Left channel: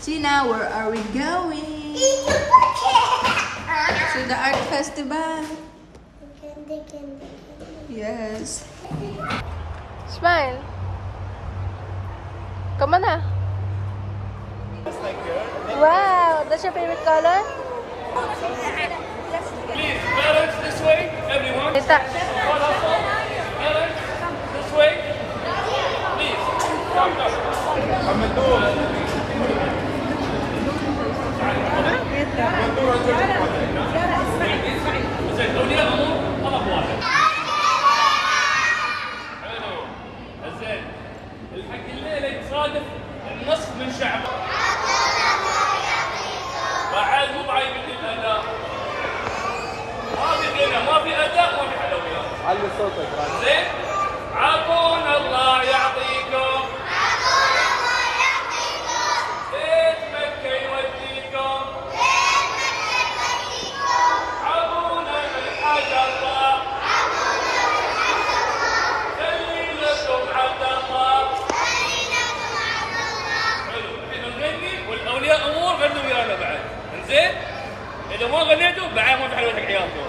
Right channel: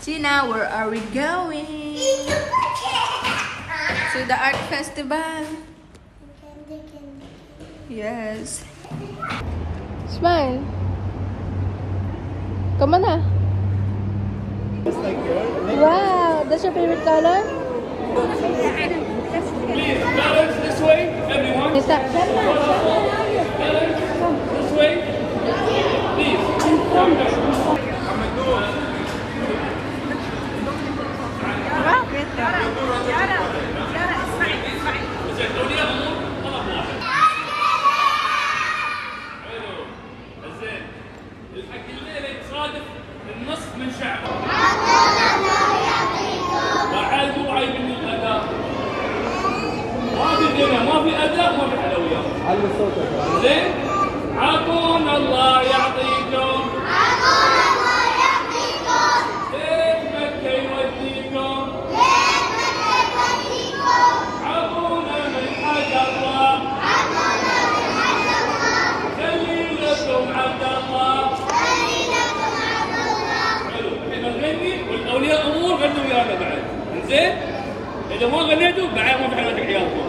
Tina, where are we going? To the art festival. Yes. Smile. Come on na. Wow, that's your favorite color? Please, balance this way, everyone. Is that? Balance this way. Please. Come, الحق الليلة يتصادف النصف من شعبه. بعد مو بعيب من الأداء. ما في غنى، ما في أداء، ما في حلويات. زين؟ عطونا الله يعطيكم. عطونا الله يعطيكم. بيت مكة يوديكم. بيت مكة يوديكم. عطونا من حق الله. عطونا من حق الله. خلي لكم عبد الله. خلي لكم عبد الله. حلو، الحين نغني والأولياء أمور غنوا ويانا بعد. زين؟ إذا ما غنيتوا بعد ما في حلويات عيالكم.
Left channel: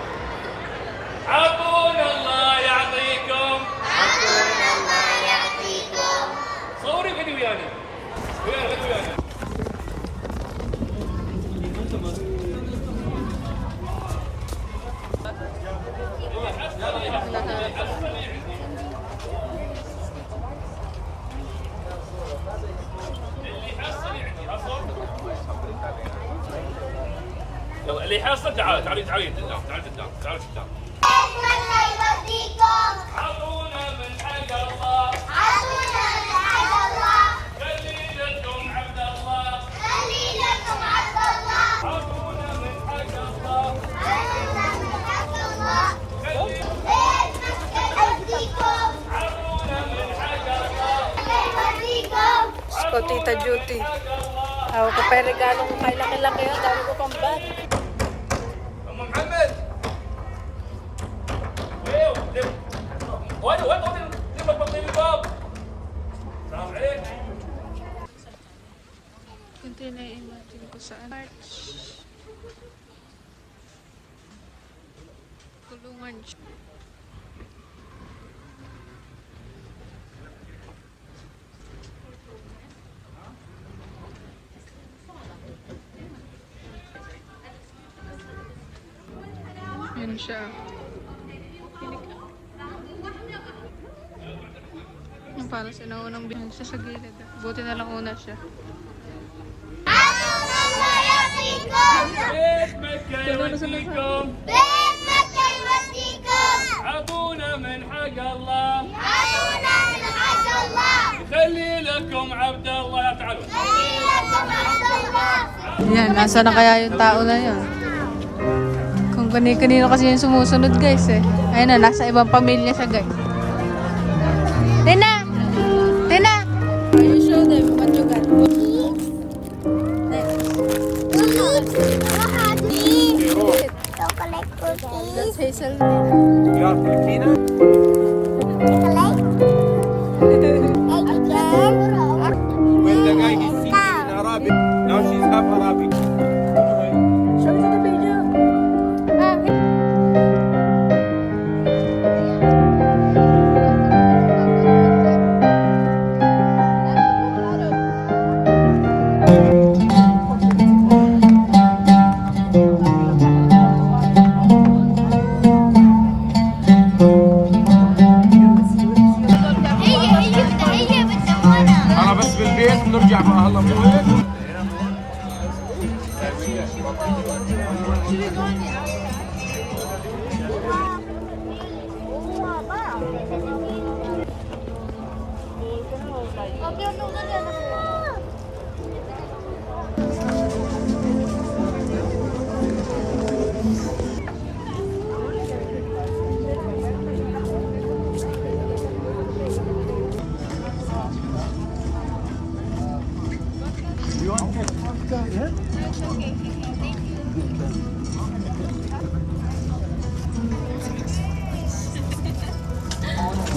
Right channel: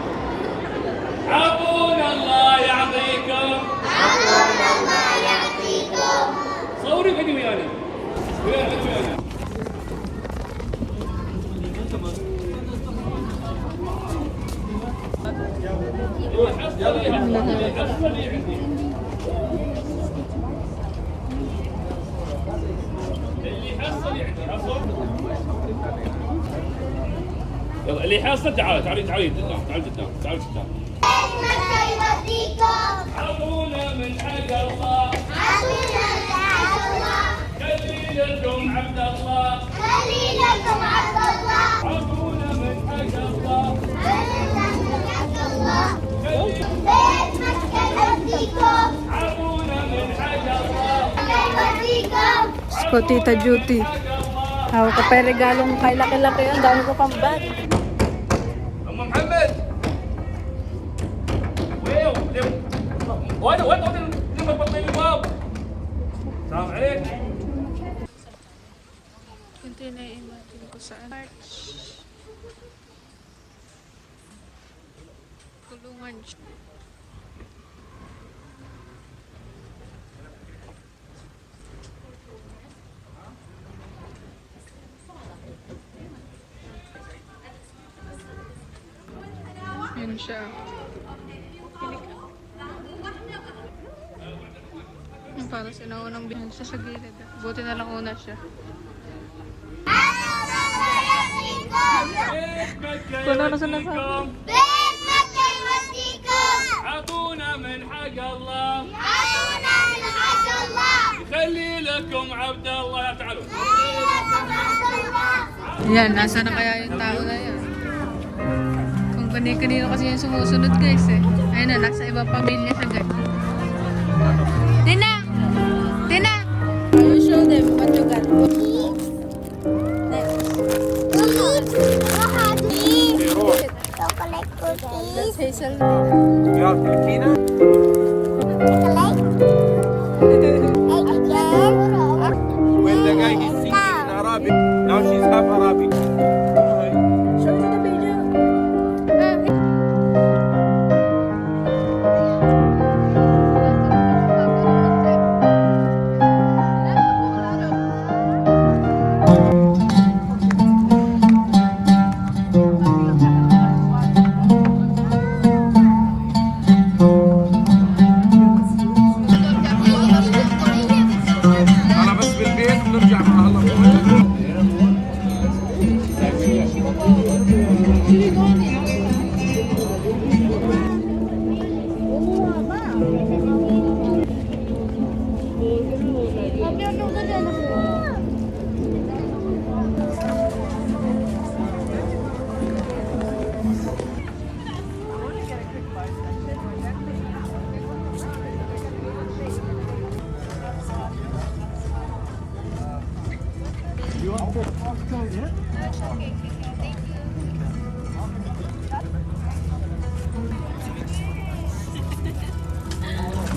عطونا الله يعطيكم. عطونا الله يعطيكم. صوري غني ويانا. غني ويانا. يلا اللي يحصل تعال تعالي قدام تعالي قدام تعالي قدام. مكة يوديكم. عطونا من حق الله. عطونا من حق الله. خلي لكم عبد الله. خلي لكم عبد الله. عطونا من حق الله. عطونا من حق الله. بيت مكة يوديكم. عطونا من حق الله. يوديكم. Ko, Tita Judy. Hawak ka pa yung regalong kay laki-laki. Ang dami ko kang bag. أم محمد وين وين لما تطلعين الباب السلام عليك Kunti na i-imagine ko saan. Tulungan siya. Yan siya. Paano sinangunang binanta sa gilid? Buti na lang una siya. بيت مكة يوديكم. بيت مكة يوديكم. عطونا من حق الله. عطونا من حق الله. يخلي لكم عبد الله. تعالوا. خلي لكم عبد الله. Yan, nasa na kaya yung tao na yun? Kung kani-kanino kasi yung sumusunod guys eh. Ayun na, nasa ibang pamilya siya guys. Tina! Tina! You show them what you got. Chocolate cookies. Hazel. Chocolate. Egg cow. Now she's half Arabic. أنا بس بالبيت نرجع هلا.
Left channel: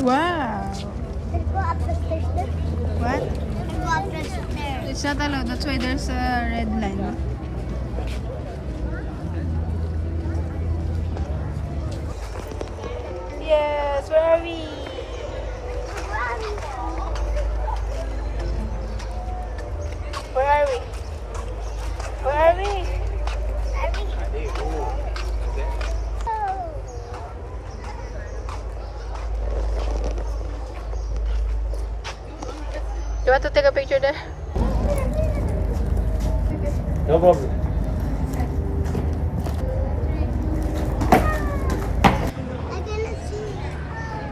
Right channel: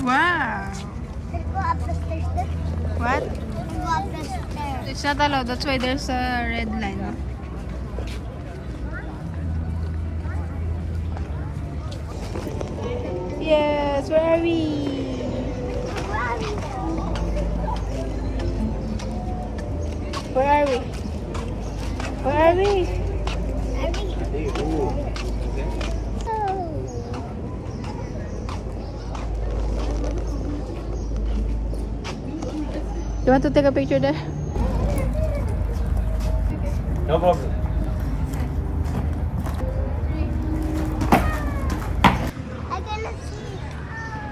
Wow! What? Go up the stairs. It's not allowed. That's why there's a red line, no? Yes, where are we? Where are we? Where are we? You want to take a picture there? No problem.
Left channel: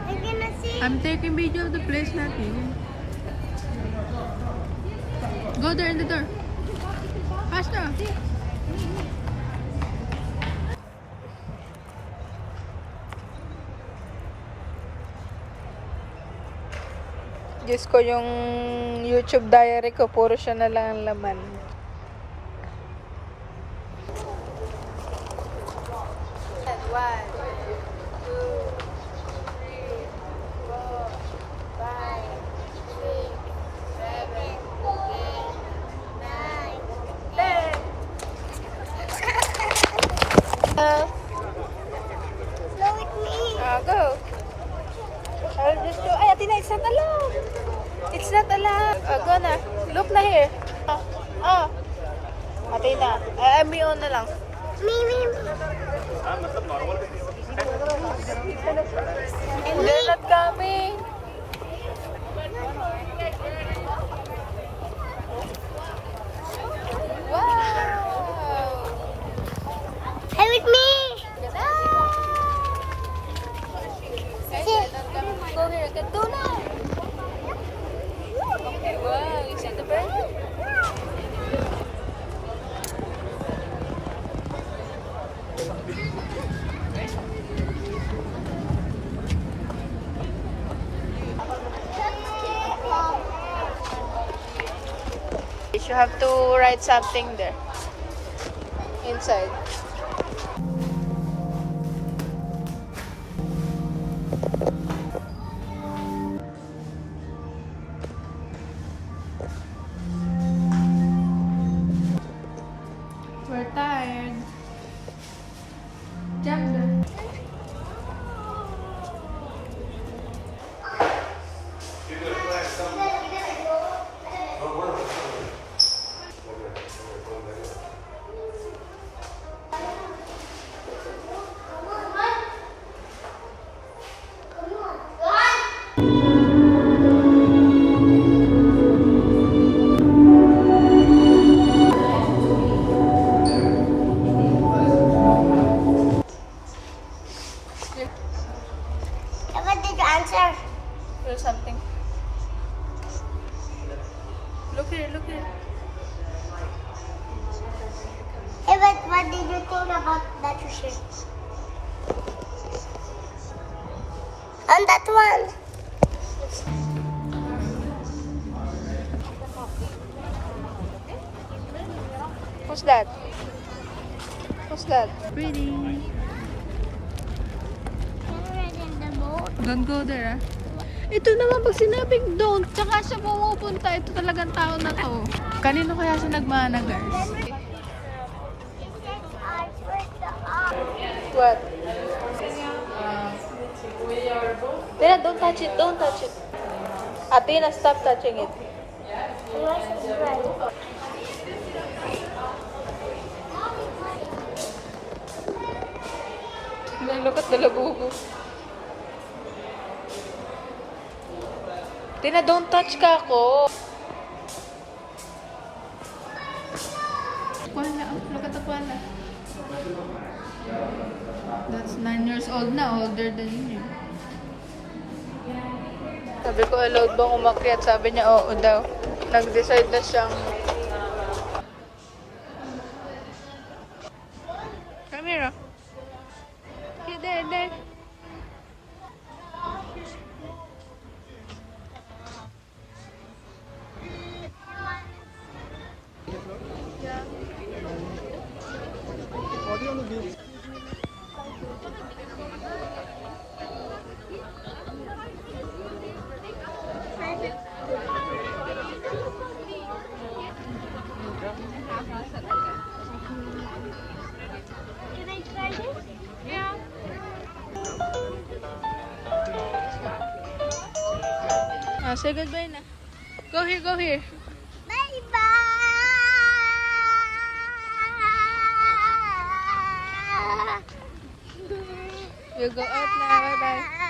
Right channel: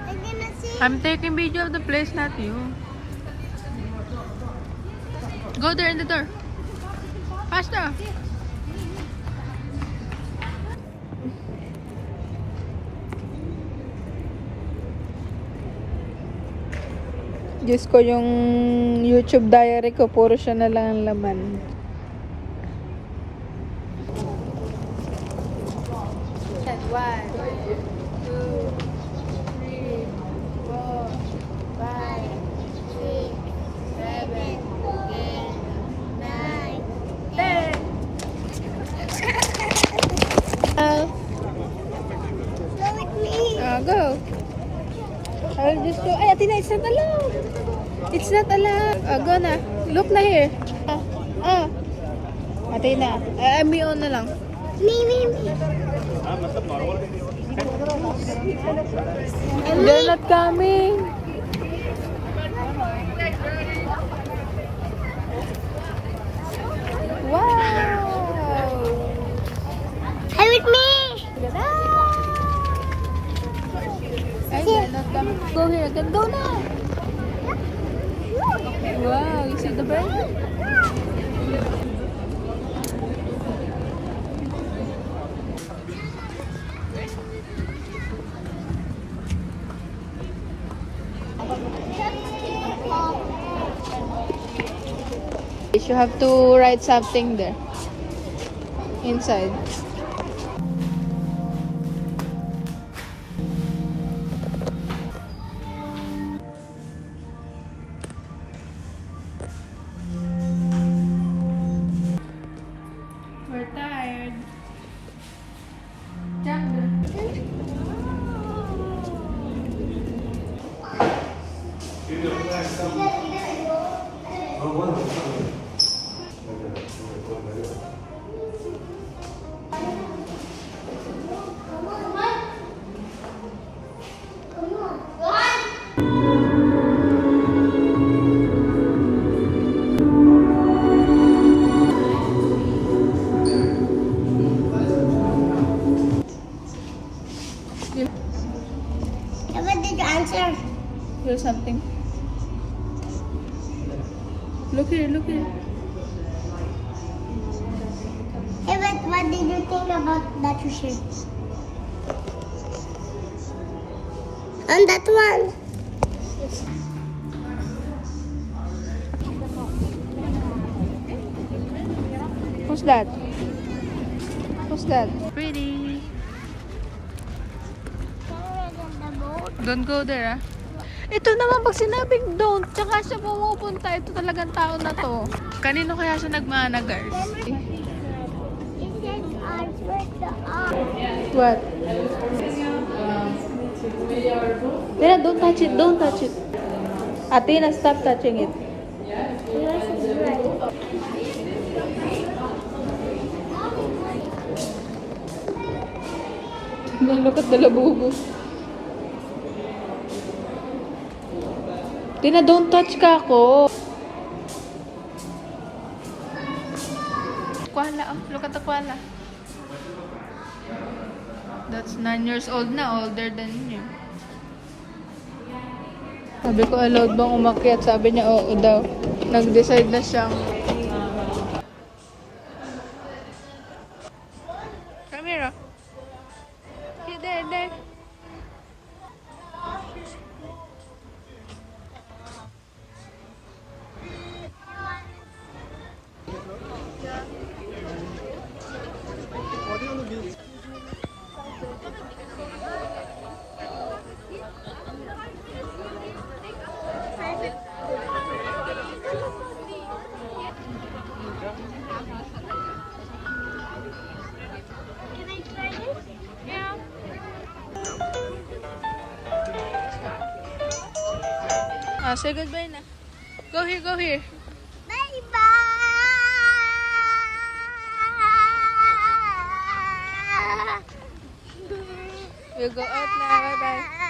I cannot see. I'm taking video of the place, not you. Go there in the door. Faster. Diyos ko, yung YouTube diary ko, puro siya na lang ang laman. One, two, three, 4, 5, 6, 7, 8, 9, 10. Go. I'll just show. Ay, Athena, it's not allowed. It's not allowed. Go na. Look na here. Athena, I'm on na lang. Me. They're not coming. Wow. Hey, with me. Ay, they're not coming. Go here. Go na. Wow, you see the bird? You have to write something there. Inside. We're tired. Jump there. What did you answer? Do something. Look here, look here. Hey, but what did you think about that fish? And that one. Who's that? Who's that? Pretty. In the boat. Don't go there, ah. Ito naman, pag sinabing don't, tsaka siya pumupunta, ito talagang tao na to. Kanino kaya siya nagmana, guys? It says answer the R. What? Tina, don't touch it, don't touch it. Athena, stop touching it. Unless it's right. Look at the labubo. Tina, don't touch ka ako. Koala, oh, look at the koala. That's 9 years old na, older than you. Sabi ko, allowed mong umakyat. Sabi niya, oo daw. Nag-decide na siya. Come here, oh. Okay, there. Ah, say goodbye na. Go here, go here. Bye-bye! You go out na. Bye-bye.